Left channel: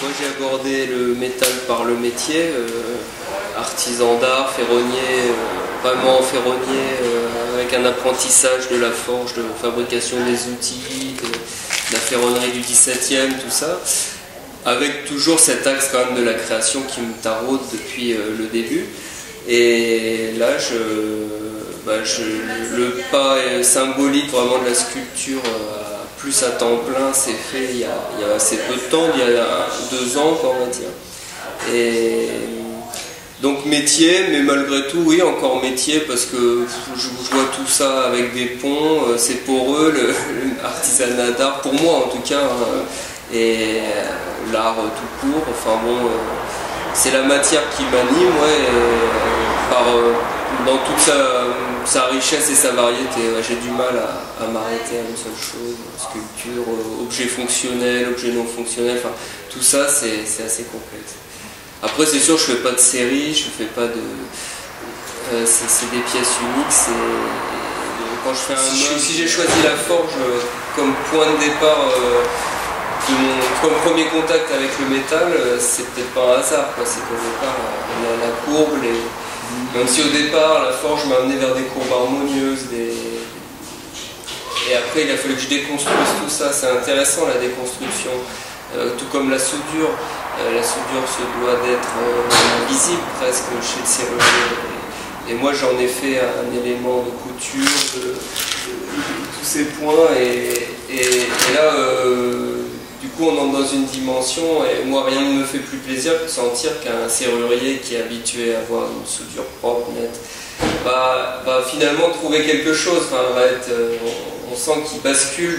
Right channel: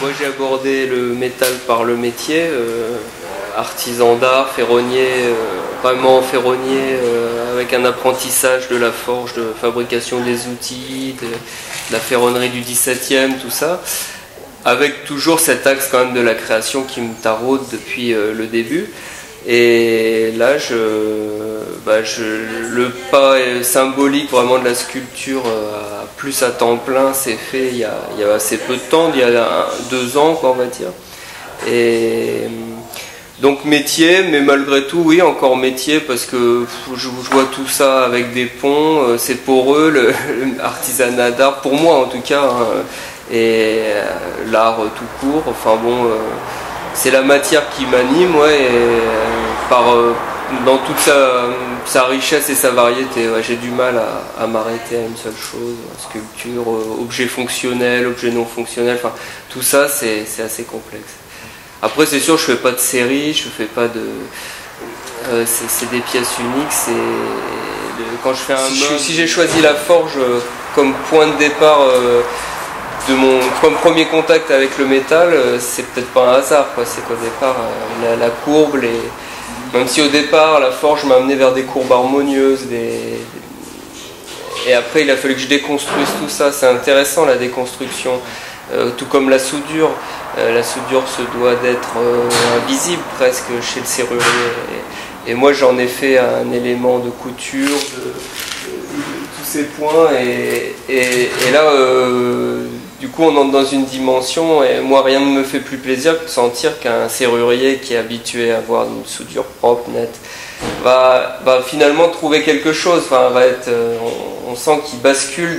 Moi j'ai abordé le métal par le métier, artisan d'art, ferronnier, vraiment ferronnier, avec un apprentissage de la forge, de fabrication des outils, de la ferronnerie du 17e, tout ça, avec toujours cet axe quand même de la création qui me taraude depuis le début. Et là, le pas symbolique vraiment de la sculpture plus à temps plein s'est fait il y a assez peu de temps, il y a 2 ans, quoi, on va dire. Et donc métier, mais malgré tout, oui, encore métier, parce que je vois tout ça avec des ponts, c'est poreux, l'artisanat d'art, pour moi en tout cas, hein, et l'art tout court, enfin bon... c'est la matière qui m'anime, ouais, et dans toute sa richesse et sa variété. Ouais, j'ai du mal à m'arrêter à une seule chose, sculpture, objet fonctionnel, objet non fonctionnel, enfin, tout ça c'est assez complexe. Après c'est sûr, je fais pas de série, je fais pas de... c'est des pièces uniques, quand je fais un meuble... Si j'ai choisi la forge comme point de départ... de mon premier contact avec le métal, c'est peut-être pas un hasard, quoi. C'est qu'au départ, la courbe, même si au départ la forge m'a amené vers des courbes harmonieuses, et après il a fallu que je déconstruise tout ça. C'est intéressant la déconstruction, tout comme la soudure. La soudure se doit d'être invisible presque chez le serrurier. Et moi j'en ai fait un élément de couture, tous ces points, et là... du coup, on entre dans une dimension, et moi, rien ne me fait plus plaisir que de sentir qu'un serrurier qui est habitué à avoir une soudure propre, nette, va finalement trouver quelque chose. Enfin, on sent qu'il bascule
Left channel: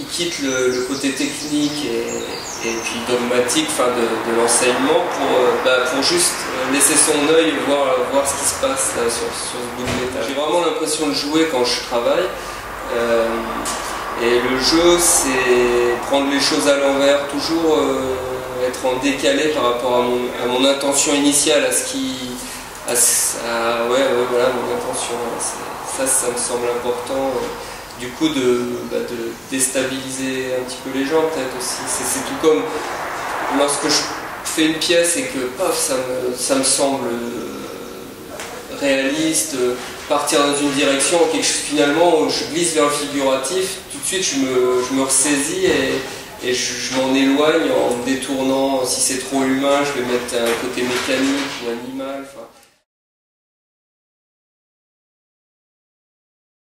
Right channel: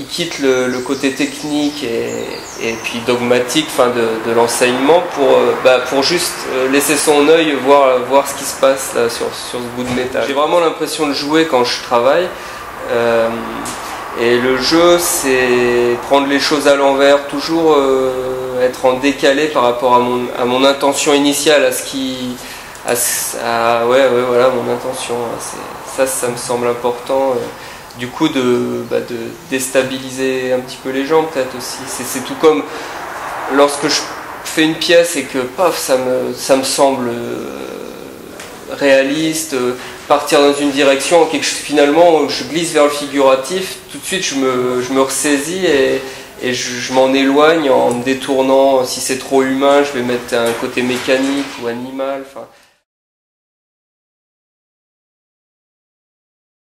il quitte le côté technique et puis dogmatique, enfin, de l'enseignement pour juste laisser son œil voir ce qui se passe là, sur ce bout de métal. J'ai vraiment l'impression de jouer quand je travaille. Et le jeu, c'est prendre les choses à l'envers, toujours être en décalé par rapport à mon intention initiale, voilà, mon intention. Ça me semble important. Du coup, de déstabiliser un petit peu les gens, peut-être aussi. C'est tout comme lorsque je fais une pièce et que paf, ça me semble réaliste. Partir dans une direction, finalement je glisse vers le figuratif, tout de suite je me ressaisis et je m'en éloigne en me détournant. Si c'est trop humain, je vais mettre un côté mécanique ou animal. Enfin.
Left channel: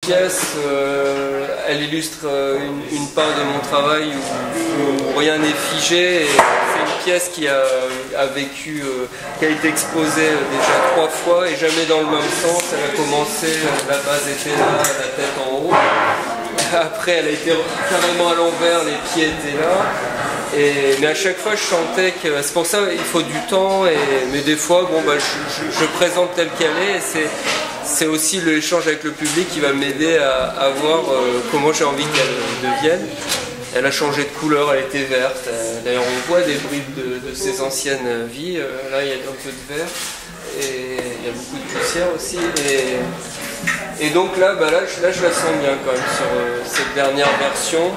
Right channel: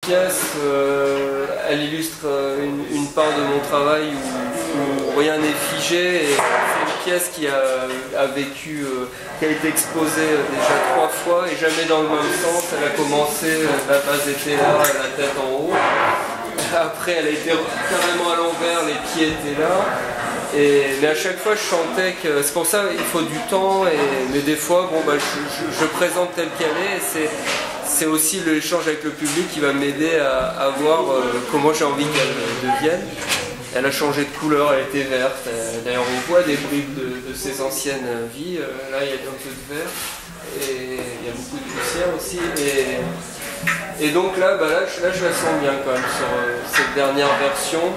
La pièce, elle illustre une part de mon travail où rien n'est figé. C'est une pièce qui a vécu, qui a été exposée déjà 3 fois et jamais dans le même sens. Elle a commencé, la base était là, la tête en haut. Après, elle a été carrément à l'envers, les pieds étaient là. Mais à chaque fois, je sentais que c'est pour ça il faut du temps. Mais des fois, je présente telle qu'elle est. Et c'est aussi l'échange avec le public qui va m'aider à voir comment j'ai envie qu'elle devienne. Elle a changé de couleur, elle était verte. D'ailleurs, on voit des bribes de ses anciennes vies. Là, il y a un peu de vert et il y a beaucoup de poussière aussi. Et donc là, je la sens bien quand même sur cette dernière version,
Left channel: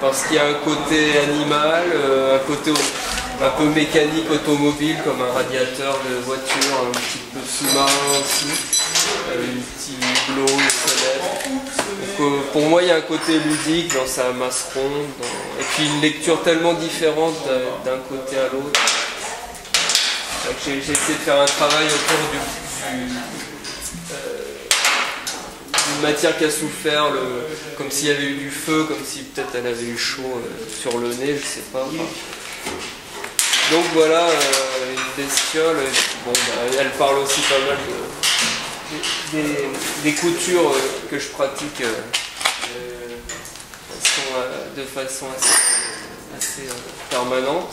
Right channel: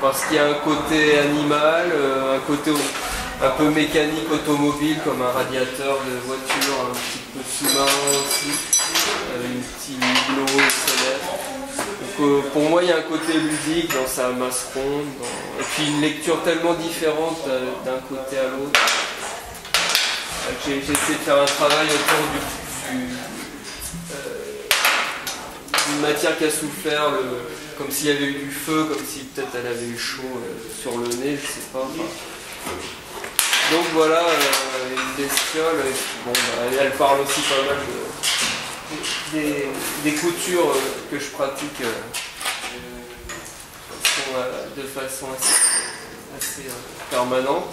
parce qu'il y a un côté animal, un côté un peu mécanique, automobile, comme un radiateur de voiture, un petit peu sous-marin aussi, une petite glow, donc pour moi, il y a un côté ludique dans sa masse ronde, et puis une lecture tellement différente d'un côté à l'autre. J'ai essayé de faire un travail autour d'une matière qui a souffert, comme s'il y avait eu du feu, comme si peut-être elle avait eu chaud sur le nez, je sais pas. Enfin. Donc voilà, une bestiole, elle parle aussi pas mal des coutures que je pratique de façon assez permanente.